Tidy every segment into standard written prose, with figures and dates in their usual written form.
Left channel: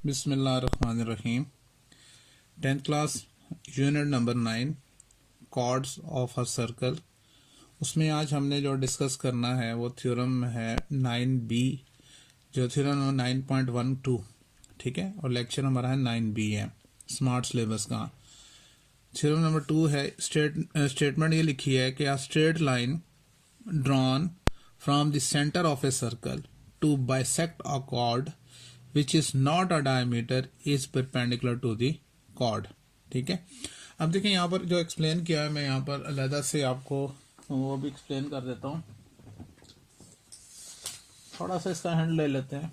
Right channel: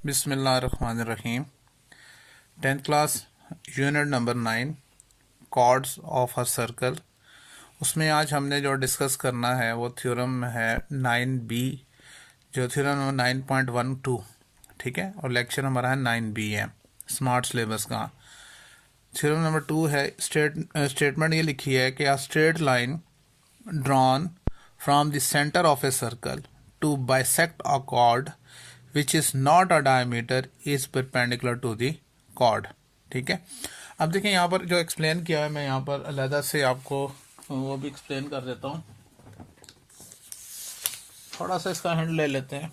बिस्मिल्लाहिर्रहमानिर्रहीम। 10th class unit number 9 chords of a circle. उसमें आज हमने जो डिस्कस करना है वो थ्योरम है 9b, जो थ्योरम नंबर 9.12, ठीक है। और लेक्चर हमारा है 9b है, स्मार्ट सिलेबस का। थ्योरम नंबर 2 है, स्टेटमेंट ये लिखी है कि a straight line drawn from the centre of a circle to bisect a chord which is not a diameter is perpendicular to the chord। ठीक है। अब देखें यहाँ पर जो एक्सप्लेन किया है, मैं यहाँ पर अलहदा से आपको वो भी एक्सप्लेन कर देता हूँ। थोड़ा सा इसका हैंड ले लेते हैं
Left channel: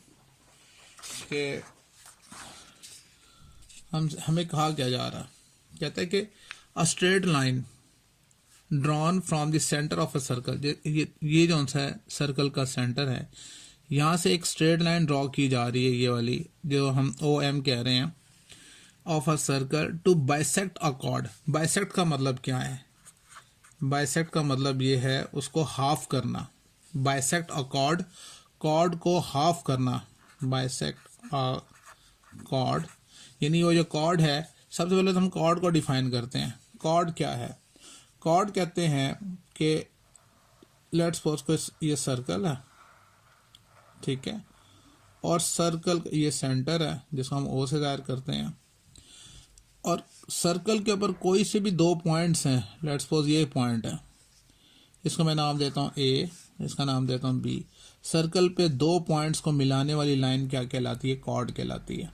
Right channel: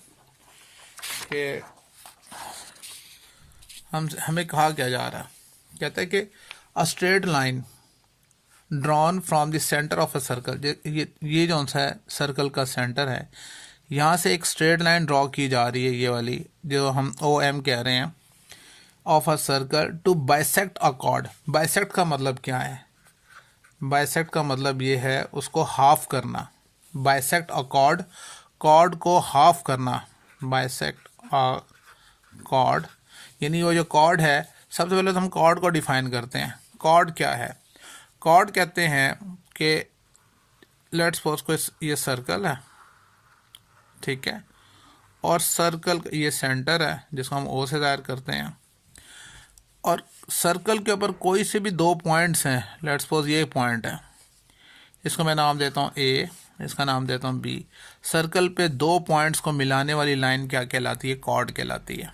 कि हमें कहा क्या जा रहा है। कहता है कि a straight line drawn from the centre of a circle, ये जो सा है सर्कल का सेंटर है, यहाँ से एक स्ट्रेट लाइन ड्रॉ की जा रही है, ये वाली जो हम ओ एम कह रहे हैं, of a circle to bisect a chord. Bisect का मतलब क्या है? बाइसेक्ट का मतलब ये है उसको हाफ करना। बाइसेक्ट अ कॉर्ड, कॉर्ड को हाफ करना। बाइसेक्ट अ कॉर्ड यानी वो जो कॉर्ड है, सबसे पहले तो हम कॉर्ड को डिफाइन करते हैं। कॉर्ड क्या है? कॉर्ड कहते हैं कि लेट्स सपोज को ये सर्कल है, ठीक है, और सर्कल ये सेंटर है जिसको हम ओ से जाहिर करते हैं, और सर्कल के ऊपर कोई से भी दो पॉइंट्स हैं। लेट्स सपोज ये पॉइंट है, इसको मैं नाम देता हूँ ए, इसका नाम देता हूँ बी। सर्कल पे दो पॉइंट्स को मिलाने वाली लाइन क्या कहलाती है? कॉर्ड कहलाती है।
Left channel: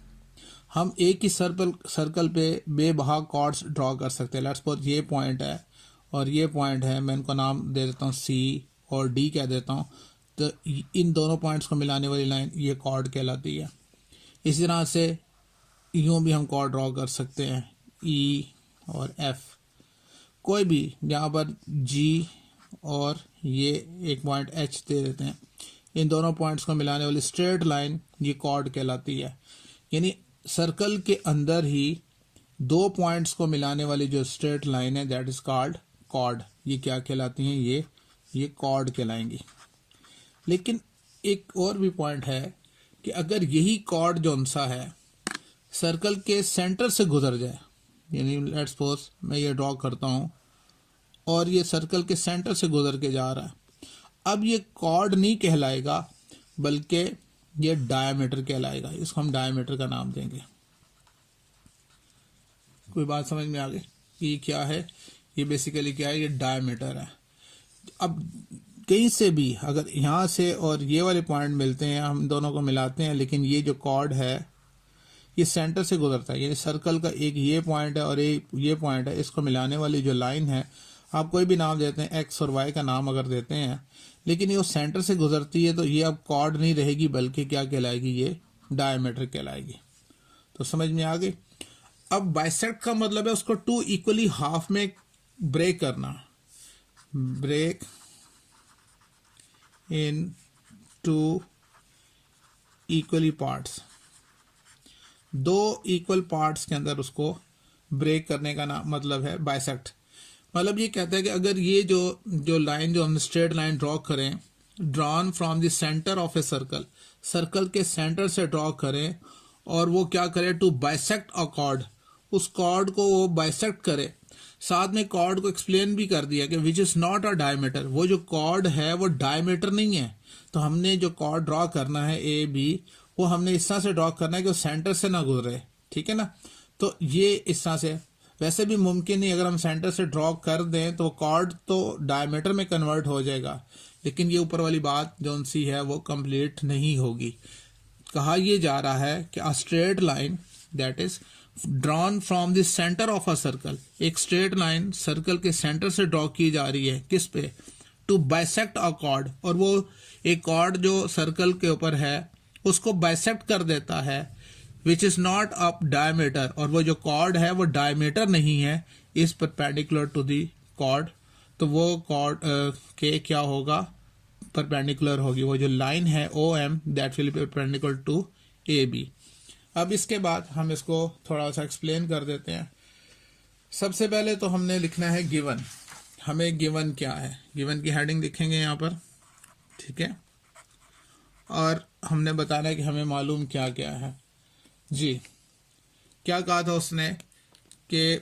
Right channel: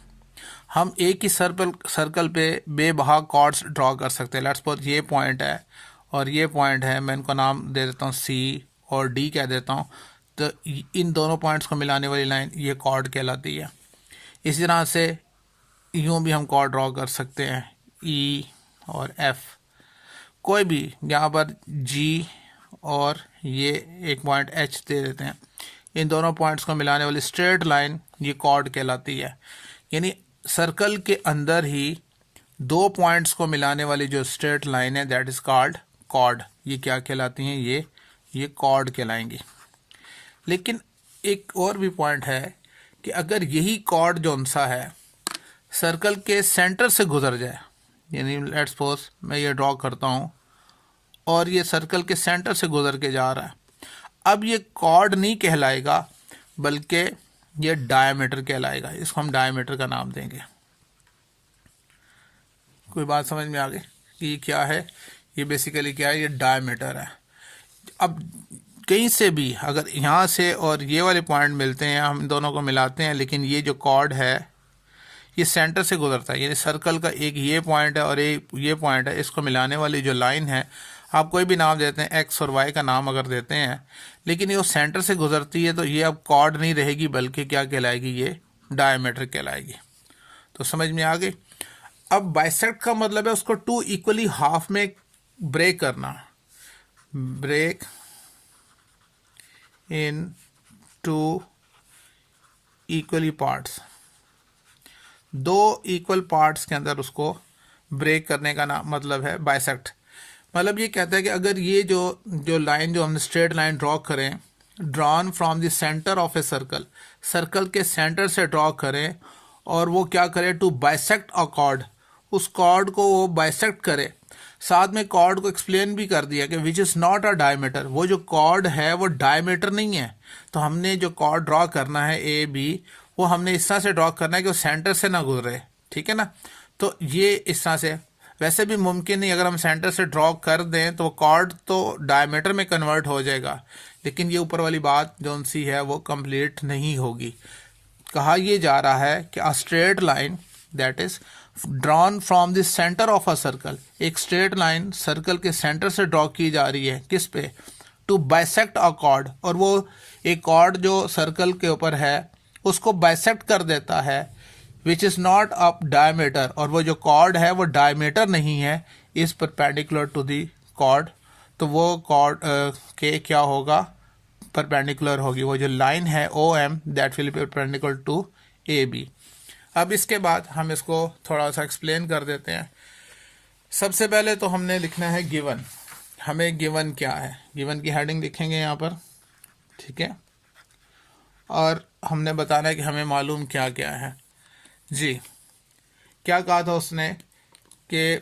हम एक ही सर्कल पे बेबहा कॉर्ड्स ड्रॉ कर सकते हैं। लेट्स सपोज ये पॉइंट है और ये पॉइंट है, मैं इनको नाम दे देता हूँ सी और डी कह देता हूँ। तो इन दोनों पॉइंट्स को मिलाने वाली लाइन ये कॉर्ड कहलाती है। इसी तरह से यूं भी हम कॉर्ड ड्रॉ कर सकते हैं, ई और एफ। कोई भी यहाँ पर जी और ये एक पॉइंट एच दे देते हैं, इन दोनों पॉइंट्स को मिलाने वाली स्ट्रेट लाइन ये कॉर्ड कहलाती है। यानी सर्कल के अंदर ही दो पॉइंट्स को मिलाने वाली जो स्ट्रेट लाइन है, दैट इज कॉल्ड कॉर्ड। ये क्या कहलाती हैं? ये कॉर्ड कहलाएंगी। लेकिन एक और भी पॉइंट है कि अगर यही कॉर्ड जो सा है सर्कल के सेंटर से गुजर जाए, यानी लेट्स सपोज मैं ये ड्रॉ करता हूँ और ये सर्कल के सेंटर से गुजर के जा रहा है, अब ये कॉर्ड नहीं कहलाएगा बल्कि ये डायमीटर कहलाएगा। इसको हम डायमीटर का नाम देंगे। कोई बात समझ में आ गई कि ये क्या है? ये बेसिकली क्या है? ये डायमीटर है। अब कहीं से भी अगर यहाँ से और ये वाले पॉइंट मिलते हैं, हम दोनों को मिलाते हैं, लेकिन ये जो कॉर्ड है ये सेंटर से गुजरता है, यानी सर्कल का एक ये पॉइंट है और एक ये पॉइंट है, इसको मिलाने वाली जो लाइन है, आप कोई भी नाम देते हैं, एक्स और वाई का नाम अगर देते हैं, लेकिन ये सेंटर से गुजरती है तो ये अब कॉर्ड नहीं रहेगी बल्कि क्या कहलाएगी? ये डायमीटर कहलाएगी। तो समझ में आ गई। अब बाइसेक्ट का मतलब है उसको टू इक्वली हाफ में ब्रेक करना। Break in two equally parts, दो इक्वल पार्ट्स के अंदर उसको ब्रेक करने का नाम मतलब है बाइसेक्ट। मतलब ये कहता है कि अगर ये जो लाइन जो हम स्ट्रेट लाइन ड्रॉ करें, drawn from the centre of a circle, circle के सेंटर से ड्रॉ करें और वो क्या करे? टू बाइसेक्ट अ कॉर्ड, उस कॉर्ड को वो बाइसेक्ट करे। साथ में कॉर्ड को एक्सप्लेन भी कर दिया कि विच इज नॉट अ डायमीटर, वो जो कॉर्ड है वो डायमीटर नहीं है। तो हमने जो कॉर्ड ड्रॉ करना है ए बी, वो हमने इस तरह से ड्रॉ करना है कि वो सेंटर से ना गुजरे, ठीक है ना। तो ये इस तरह से वैसे भी मुमकिन नहीं, अगर हम सेंटर से ड्रॉ कर दें तो कॉर्ड तो डायमीटर में कन्वर्ट हो जाएगा, लेकिन ये ऊपर वाली बात जो सी है वो कंप्लीट नहीं होगी। कहा यह जा रहा है कि a straight line that is drawn from the centre of a circle, एक स्ट्रेट लाइन सर्कल के सेंटर से ड्रॉ की जा रही है, किस पे? टू बाइसेक्ट अ कॉर्ड, और वो एक कॉर्ड जो सर्कल के ऊपर है उसको बाइसेक्ट कर देता है, which is not a diameter, और वो जो कॉर्ड है वो डायमीटर नहीं है, is perpendicular to the chord. तो वो कॉर्ड के क्या होगा? परपेंडिकुलर होगी। वो जो लाइन है O M, that will be perpendicular to A B. अब इसके बाद हम इसको थोड़ा सा एक्सप्लेन कर देते हैं। सबसे पहले तो हमने लिखना है गिवन। हमें गिवन क्या है? गिवन की हेडिंग लिखेंगे यहाँ पर, ठीक है, और हमने बताना है कि हमें मालूम क्या क्या है। जी, क्या कहा था उसने कि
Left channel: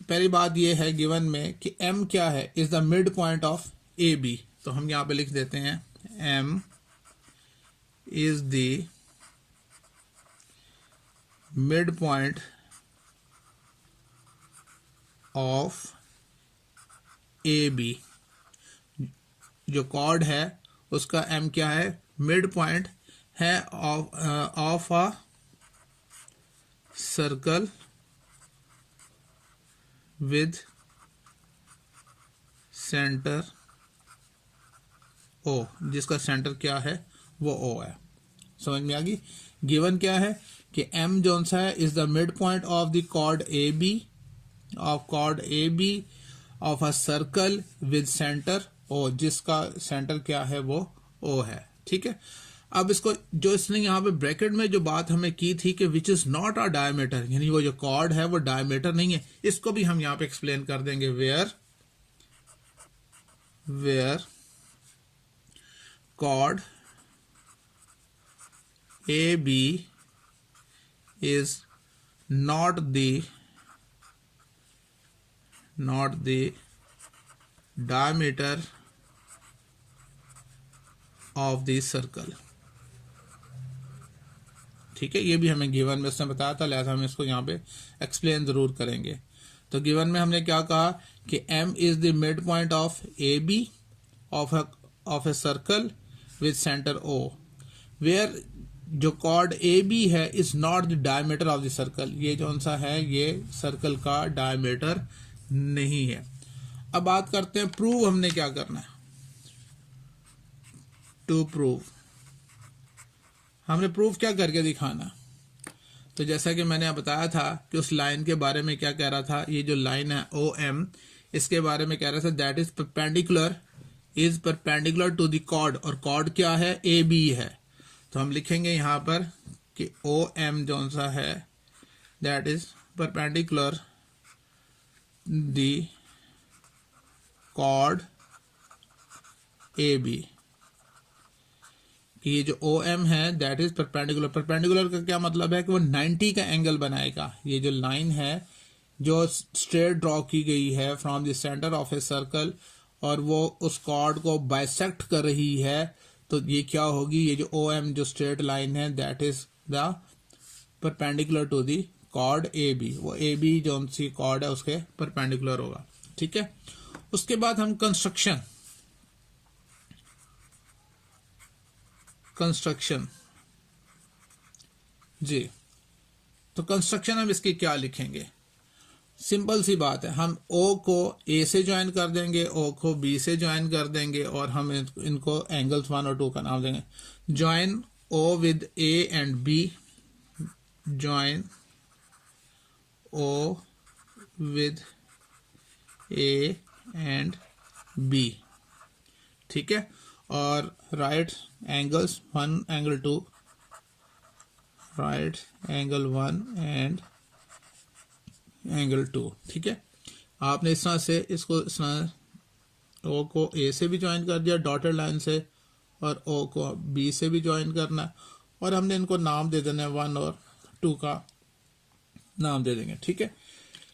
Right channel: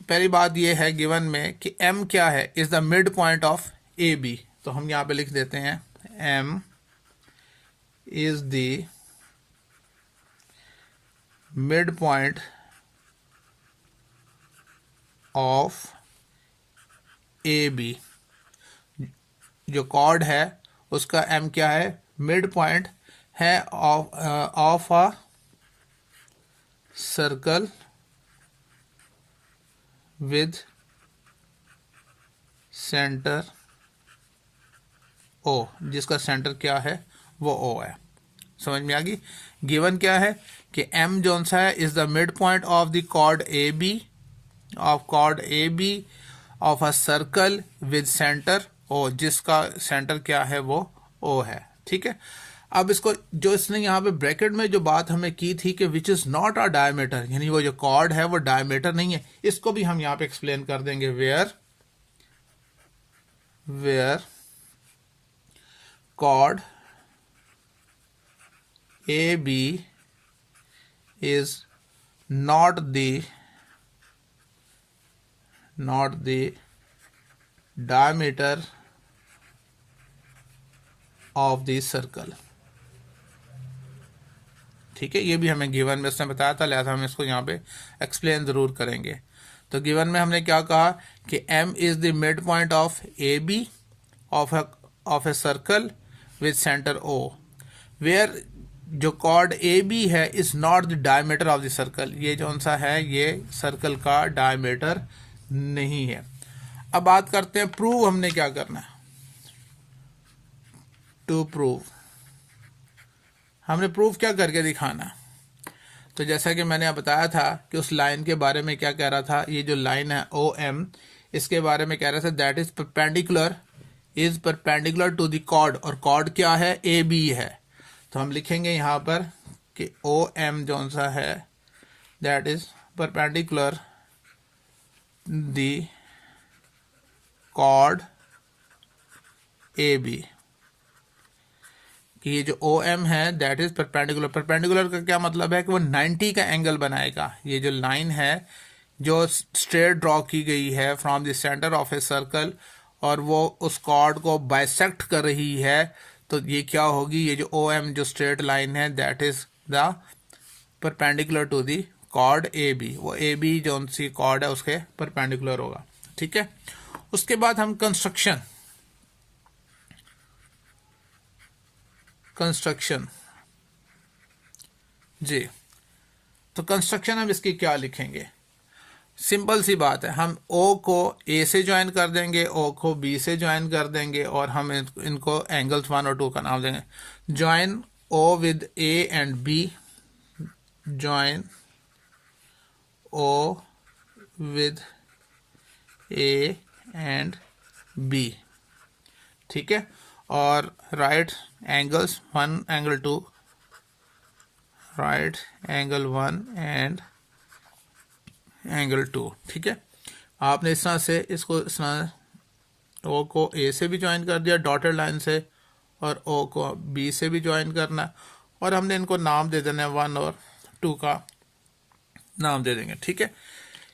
पहली बात यह है गिवन में कि m क्या है, is the mid point of A B. तो हम यहां पे लिख देते हैं m is the mid point of A B. जो कॉर्ड है उसका m क्या है, मिड पॉइंट है of a circle with centre O, जिसका सेंटर क्या है वो ओ है। समझ में आ गई। गिवन क्या है कि m जोन सा है is the mid point of the chord A B, of chord A B of a circle with centre O, जिसका सेंटर क्या है वो ओ है। ठीक है। अब इसको जो इसने यहाँ पे ब्रैकेट में जो बात हमें की थी कि विच इज नॉट अ डायमीटर, यानी वो जो कॉर्ड है वो डायमीटर नहीं है, इसको भी हम यहाँ पे एक्सप्लेन कर देंगे। Where chord AB is not the diameter of the circle। ठीक है, ये भी हमें गिवन में उसने बताया था, लिहाजा हम इसको यहाँ पे एक्सप्लेन जरूर करेंगे। तो गिवन में हमने क्या कहा कि m is the mid point of A B of a circle with centre O, where जो कॉर्ड ए बी है is not the diameter of the circle, ये कौन सा है, ये सर्कल का डायमीटर नहीं है। अब बात करते हैं प्रूव हमने क्या करना है। टू प्रूव हमने प्रूफ क्या करके दिखाना। तो जैसा कि मैंने बताया था कि उस लाइन के बारे में क्या कह रहा था, ये जो लाइन है ओ एम, इसके बारे में कह रहा था that is perpendicular to the chord, और कॉर्ड क्या है, ए बी है। तो हम लिखेंगे यहां पर कि ओ एम जो सा है that is perpendicular the chord A B, कि ये जो ओ एम है दैट इज परपेंडिकुलर। परपेंडिकुलर का क्या मतलब है कि वो 90 का एंगल बनाएगा। ये जो लाइन है जो स्ट्रेट ड्रॉ की गई है from the centre of a circle, और वो उस कॉर्ड को बाइसेक्ट कर रही है, तो ये क्या होगी, ये जो ओ एम जो स्ट्रेट लाइन है that is the perpendicular to the chord A B. वो ए बी जो सी कॉर्ड है उसके परपेंडिकुलर होगा। ठीक है। उसके बाद हम कंस्ट्रक्शन जी, तो कंस्ट्रक्शन हम इसकी क्या लिखेंगे, सिंपल सी बात है, हम O को A से ज्वाइन कर देंगे, O को B से ज्वाइन कर देंगे, और हम इनको एंगल्स 1 और 2 का नाम देंगे। Join O with A and B, join O with A and B। ठीक है। और right angles 1 angle 2, right angle 1 and angle 2। ठीक है। आपने इस तरह से इसको इस तरह ओ को ए से भी ज्वाइन कर दिया डॉटेड लाइन से, और ओ को बी से भी ज्वाइन करना, और हमने इनको नाम दे देना है 1 और 2 का नाम दे देंगे। ठीक है।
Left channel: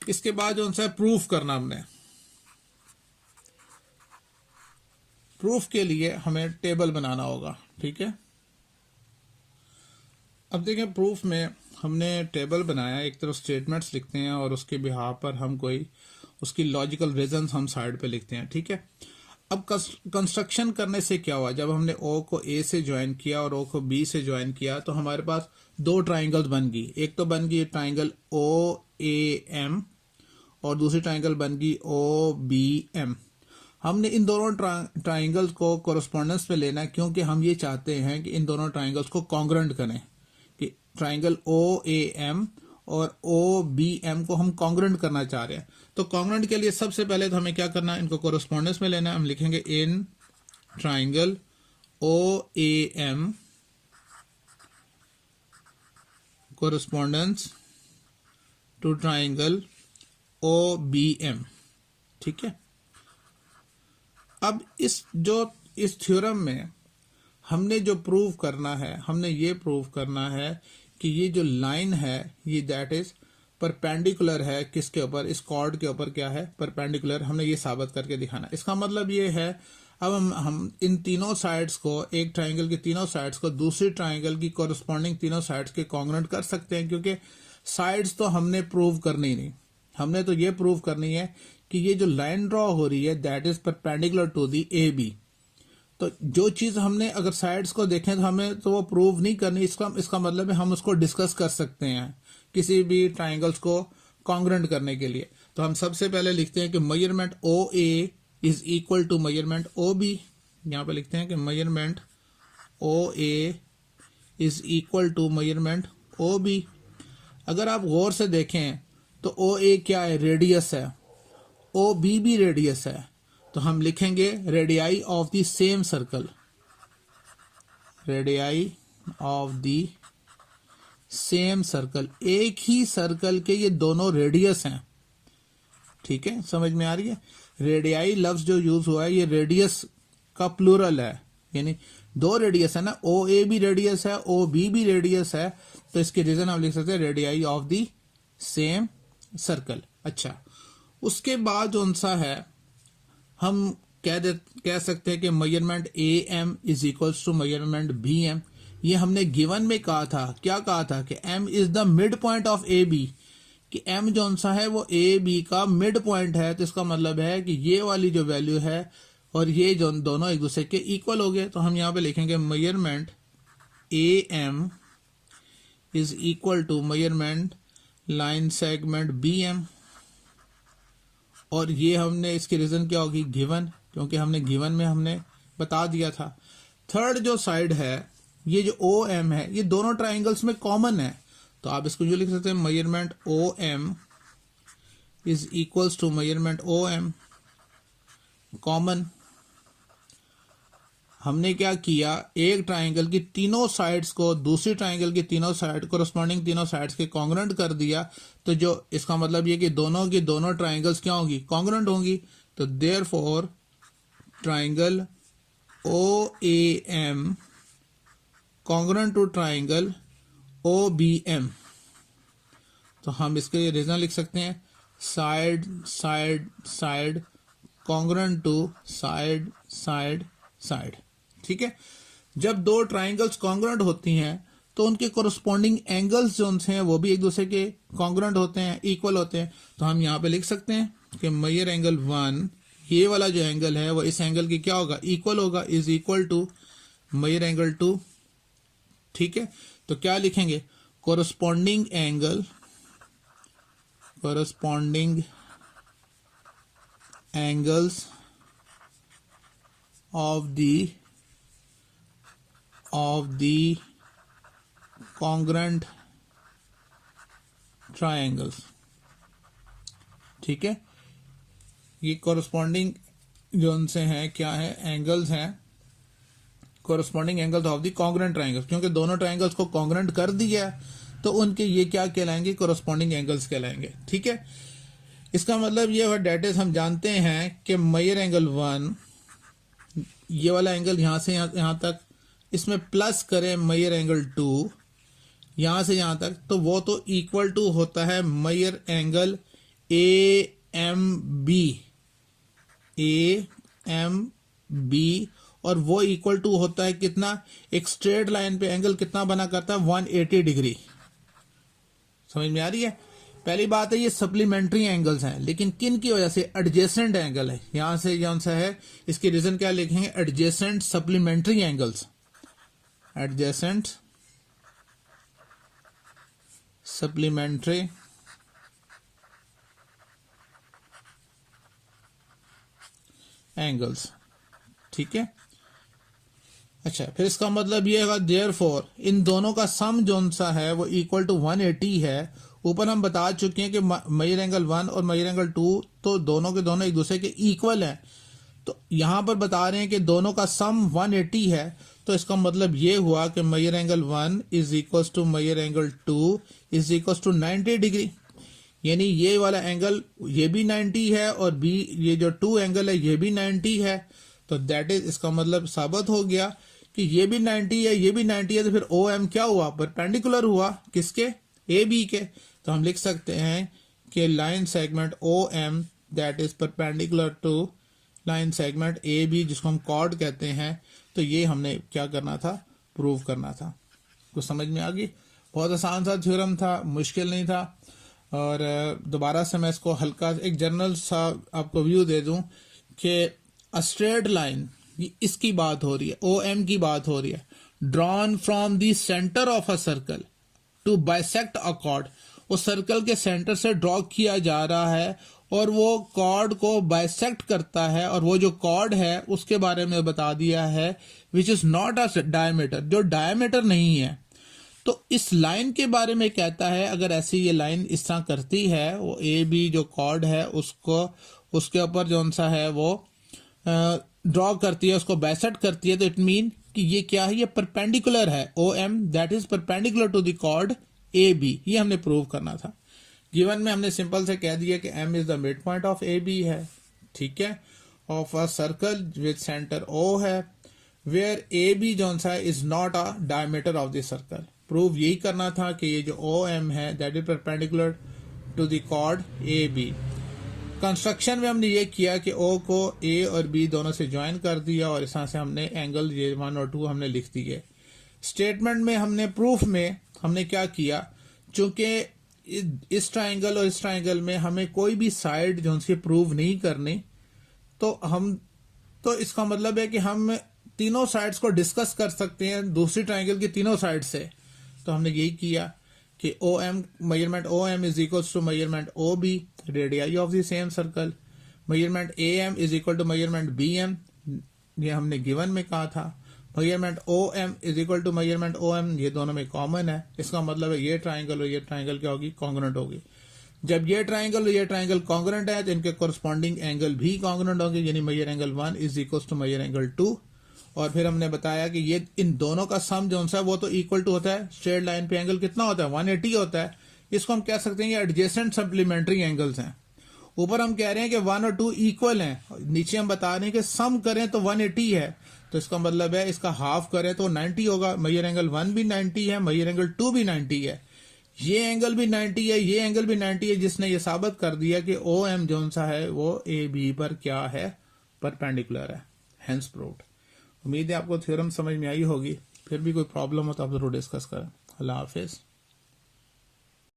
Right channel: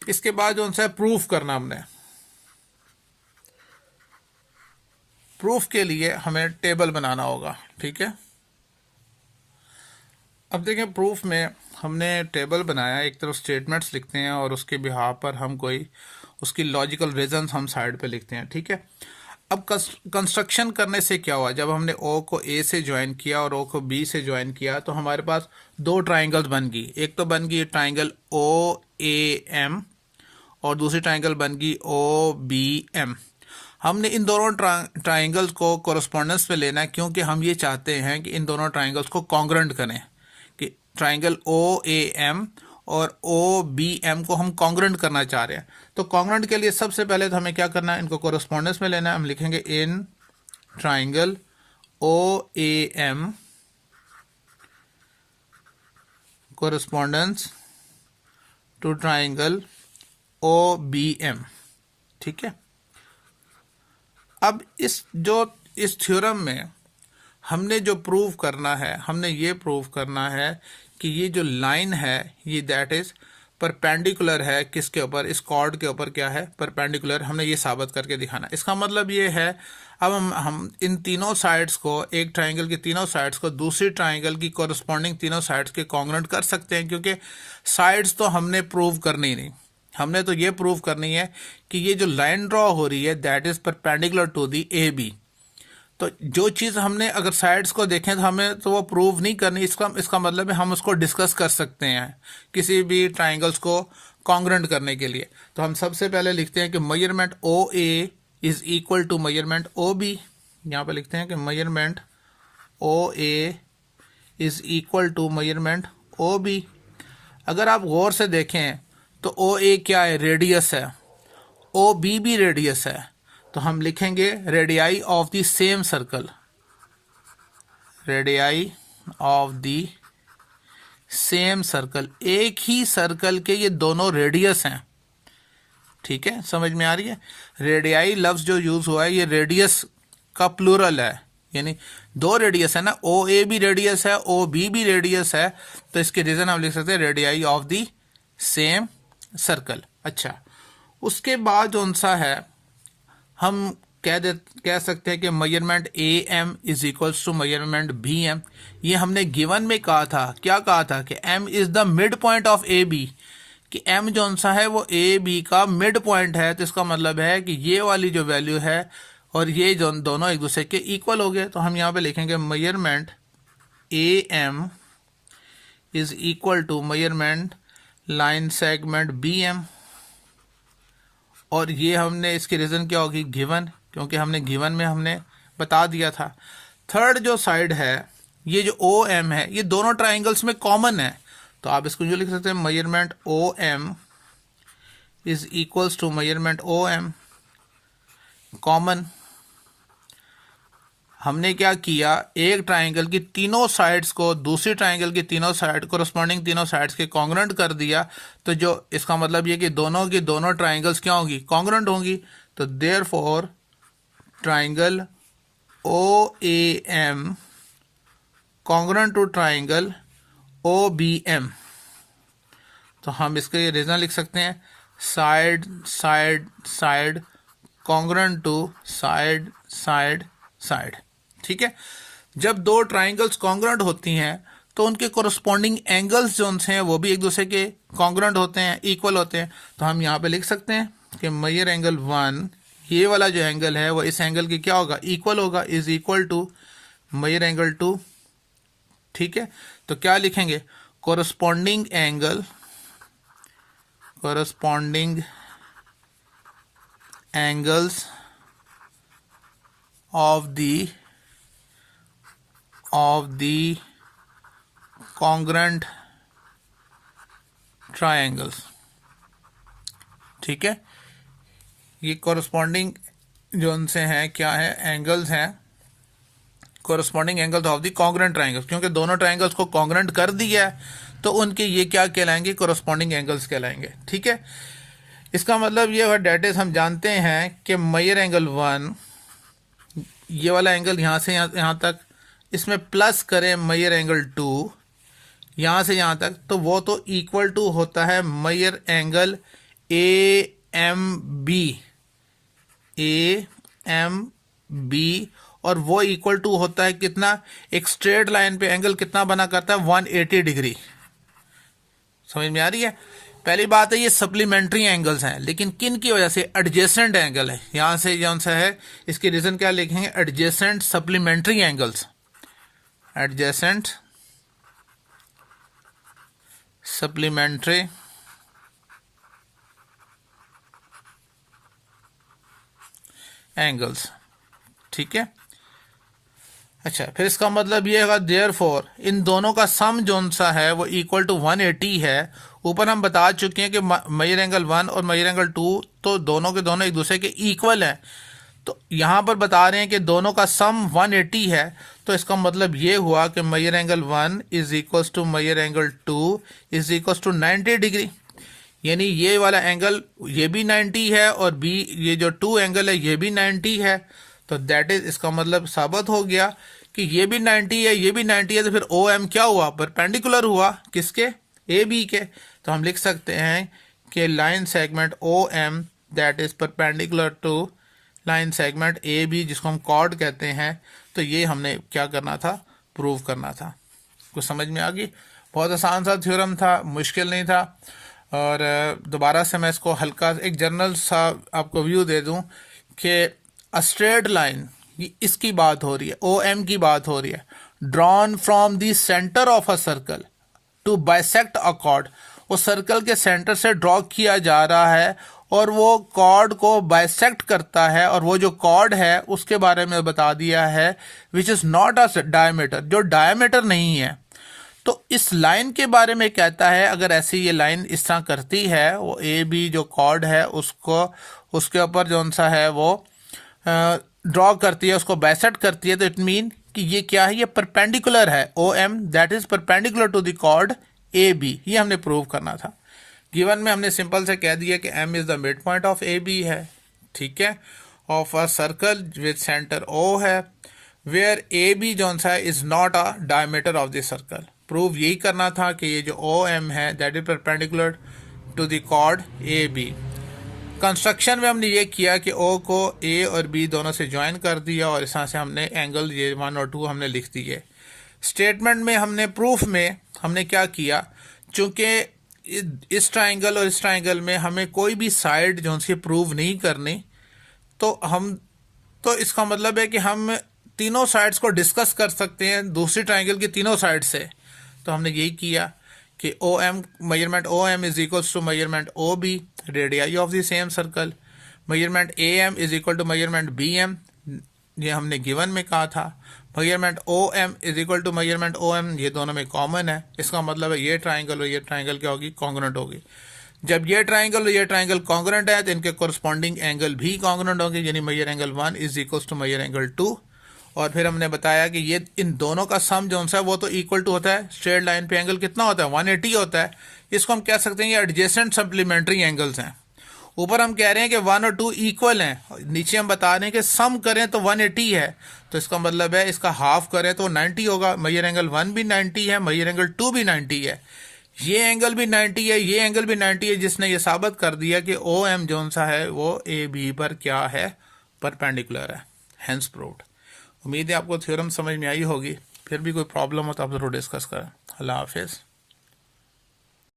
इसके बाद जो है प्रूफ करना, हमने प्रूफ के लिए हमें टेबल बनाना होगा। ठीक है। अब देखें प्रूफ में हमने टेबल बनाया, एक तरफ स्टेटमेंट्स लिखते हैं और उसके बिहाव पर हम कोई उसकी लॉजिकल रीजंस हम साइड पे लिखते हैं। ठीक है। अब कंस्ट्रक्शन करने से क्या हुआ, जब हमने ओ को ए से ज्वाइन किया और ओ को बी से ज्वाइन किया, तो हमारे पास 2 ट्राइंगल्स बन गई। एक तो बन गई ट्राइंगल ओ ए एम, और दूसरी ट्राइंगल बन गई ओ बी एम। हमने इन दोनों ट्राइंगल्स को कोरस्पोंडेंस में लेना है, क्योंकि हम ये चाहते हैं कि इन दोनों ट्राइंगल्स को कॉन्ग्रेंट करें, कि ट्राइंगल ओ ए एम और ओ बी एम को हम कॉन्ग्रेंट करना चाह रहे हैं। तो कॉन्ग्रेंट के लिए सबसे पहले तो हमें क्या करना है, इनको कोरस्पोंडेंस में लेना है। हम लिखेंगे in triangle O A M correspondence to triangle O B M. ठीक है। अब इस थ्योरम में हमने जो प्रूव करना है, हमने ये प्रूव करना है कि ये जो लाइन है ये दैट इज परपेंडिकुलर है किसके ऊपर, इस कॉर्ड के ऊपर क्या है, परपेंडिकुलर। हमने ये साबित करके दिखाना। इसका मतलब ये है अब हम इन तीनों साइड्स को, एक ट्राइंगल की तीनों साइड्स को दूसरी ट्राइंगल की कोरस्पॉन्डिंग तीनों साइड्स के कॉन्ग्रुएंट कर सकते हैं, क्योंकि साइड्स तो हमने प्रूव करनी नहीं, हमने तो ये प्रूव करनी है कि ये जो लाइन ड्रॉ हो रही है that is perpendicular to the A B. तो जो चीज़ हमने अगर साइड्स को देखें तो हमें तो वो प्रूव नहीं करनी, इसका मतलब है हम उसको डिस्कस कर सकते हैं किसी भी ट्राइंगल्स को कॉन्ग्रुएंट करने के लिए। तो हम सबसे पहले लिखते हैं कि measurement O A is equal to measurement O B. यहाँ पे लिखते हैं कि measurement O A is equal to measurement O B. अगर आप गौर से देखें तो ओ ए क्या है, रेडियस है, ओ बी भी रेडियस है, तो हम लिखेंगे radii of the same circle, radii of the same circle, एक ही सर्कल के ये दोनों रेडियस हैं। ठीक है, समझ में आ रही है। रेडियाई लफ्ज जो यूज हुआ है ये रेडियस का प्लूरल है, यानी दो रेडियस है ना, ओ ए भी रेडियस है, ओ बी भी रेडियस है, तो इसके रीजन हम लिख सकते हैं radii of the same circle. अच्छा, उसके बाद कौन सा है, हम कह सकते हैं कि measurement A M is equals to measurement B M. ये हमने गिवन में कहा था, क्या कहा था कि M is the mid point of A B, कि एम जो सा है वो ए बी का मिड पॉइंट है। तो इसका मतलब है कि ये वाली जो वैल्यू है और ये जो दोनों एक दूसरे के इक्वल हो गए। तो हम यहाँ पे लिखेंगे measurement A M is equal to measurement line segment B M, और ये हमने इसकी रीजन क्या होगी, गिवन, क्योंकि हमने गिवन में हमने बता दिया था। थर्ड जो साइड है ये जो ओ एम है ये दोनों ट्राइंगल्स में कॉमन है, तो आप इसको जो लिख सकते हैं measurement O M is equals to measurement O M common. हमने क्या किया, एक ट्राइंगल की तीनों साइड्स को दूसरी ट्राइंगल की तीनों साइड कोरस्पॉन्डिंग तीनों साइड्स के कॉन्ग्रुएंट कर दिया, तो जो इसका मतलब ये कि दोनों की दोनों ट्राइंगल्स क्या होंगी, कॉन्ग्रुएंट होंगी। तो therefore triangle O A M congruent to triangle O B M. तो हम इसके रीजन लिख सकते हैं side side side congruent to side side side. ठीक है, जब दो ट्राइंगल्स कॉन्ग्रुएंट होती हैं तो उनके कोरस्पॉन्डिंग एंगल्स जो हैं वो भी एक दूसरे के कॉन्ग्रुएंट होते हैं, इक्वल होते हैं। तो हम यहाँ पे लिख सकते हैं कि मेजर एंगल 1, ये वाला जो एंगल है वो इस एंगल की क्या होगा, इक्वल होगा, is equal to measure angle 2। ठीक है, तो क्या लिखेंगे, corresponding angles of the congruent triangles। ठीक है, ये कोरस्पॉन्डिंग जो उनसे हैं क्या है, एंगल्स हैं, corresponding angles of the congruent triangles, क्योंकि दोनों ट्राइंगल्स को कॉन्ग्रुएंट कर दिया है तो उनके ये क्या कहलाएंगे, कोरस्पॉन्डिंग एंगल्स कहलाएंगे। ठीक है, इसका मतलब ये है डेट इज हम जानते हैं कि मेजर एंगल 1, ये वाला एंगल यहां से यहां तक, इसमें प्लस करें मेजर एंगल 2 यहां से यहां तक, तो वो तो इक्वल टू होता है measure angle A M B, और वो इक्वल टू होता है कितना, एक स्ट्रेट लाइन पे एंगल कितना बना करता है, 180 डिग्री। समझ में आ रही है। पहली बात है ये सप्लीमेंट्री एंगल्स हैं, लेकिन किन की वजह से, एडजेसेंट एंगल है, यहां से कौन सा है, इसकी रीजन क्या लिखेंगे, adjacent supplementary angles, adjacent supplementary angles. ठीक है, अच्छा, फिर इसका मतलब ये होगा देयरफॉर इन दोनों का सम जोन सा है वो इक्वल टू 180 है। ऊपर हम बता चुके हैं कि मेजर एंगल 1 और मेजर एंगल 2 तो दोनों के दोनों एक दूसरे के इक्वल हैं, तो यहां पर बता रहे हैं कि दोनों का सम 180 है। तो इसका मतलब ये हुआ कि measure angle 1 is equal to measure angle 2 is equal to 90 degree, यानी ये वाला एंगल ये भी 90 है और बी ये जो 2 एंगल है ये भी 90 है। तो दैट इज, इसका मतलब साबित हो गया कि ये भी 90 है, ये भी 90 है, तो फिर ओ एम क्या हुआ, परपेंडिकुलर हुआ किसके, ए बी के। तो हम लिख सकते हैं कि line segment O M that is perpendicular to line segment A B, जिसको हम कॉर्ड कहते हैं। तो ये हमने क्या करना था, प्रूव करना था। कुछ समझ में आ गई? बहुत आसान सा थ्योरम था, मुश्किल नहीं था। और दोबारा से मैं इसको हल्का एक जनरल सा आपको व्यू दे दूं कि अ स्ट्रेट लाइन, इसकी बात हो रही है, ओ एम की बात हो रही है, drawn from the centre of a circle to bisect a chord. वो सर्कल के सेंटर से ड्रॉ किया जा रहा है और वो कॉर्ड को बाइसेक्ट करता है, और वो जो कॉर्ड है उसके बारे में बता दिया है which is not a diameter, जो डायमीटर नहीं है। तो इस लाइन के बारे में कहता है, अगर ऐसी ये लाइन इस तरह करती है, वो ए बी जो कॉर्ड है उसको, उसके ऊपर जो सा है वो ड्रॉ करती है, उसको बाइसेक्ट करती है, तो इट मीन कि ये क्या है, ये परपेंडिकुलर है, O M that is perpendicular to the chord A B. ये हमने प्रूव करना था। गिवन में हमने सिंपल से कह दिया कि M is the mid point of A B है, ठीक है, of a circle with centre O है, वेयर ए बी जो सा है is not a diameter of the circle. Prove यही करना था कि ये जो ओ एम है that is perpendicular to the chord A B. Construction में हमने ये किया कि ओ को ए और बी दोनों से ज्वाइन कर दिया, और इस तरह से हमने एंगल ये 1 और 2 हमने लिख दिए। स्टेटमेंट में हमने, प्रूफ में हमने क्या किया, चूंकि इस ट्राइंगल और इस ट्राइंगल में हमें कोई भी साइड जो सी प्रूव नहीं करनी, तो इसका मतलब है कि हम तीनों साइड्स को डिस्कस कर सकते हैं दूसरी ट्राइंगल की तीनों साइड से। तो हमने यही किया कि O M, measurement O M is equal to measurement O B, radii of the same circle. Measurement A M is equal to measurement B M, ये हमने गिवन में कहा था। Measurement O M is equal to measurement O M, ये दोनों में common है। इसका मतलब है ये ट्राइंगल और ये ट्राइंगल क्या होगी, कॉन्ग्रुएंट होगी। जब ये ट्राइंगल और ये ट्राइंगल कॉन्ग्रुएंट है तो इनके कोरस्पॉन्डिंग एंगल भी कॉन्ग्रुएंट होंगे, यानी measure angle 1 is equal to measure angle 2। और फिर हमने बताया कि ये इन दोनों का सम जो है वो तो इक्वल टू होता है, स्ट्रेट लाइन पे एंगल कितना होता है, 180 होता है। इसको हम कह सकते हैं ये एडजेसेंट सप्लीमेंट्री एंगल्स हैं। ऊपर हम कह रहे हैं कि 1 और 2 इक्वल हैं, नीचे हम बता रहे हैं कि सम करें तो 180 है, तो इसका मतलब है इसका हाफ करें तो 90 होगा। मेजर एंगल 1 भी 90 है, मेजर एंगल 2 भी 90 है, ये एंगल भी 90 है, ये एंगल भी 90 है, जिसने ये साबित कर दिया कि ओ एम जो सा है वो ए बी पर क्या है, परपेंडिकुलर है। Hence proved. उम्मीद है आपको थ्योरम समझ में आई होगी। फिर भी कोई प्रॉब्लम हो तो आप जरूर डिस्कस करें। अल्लाह हाफिज़।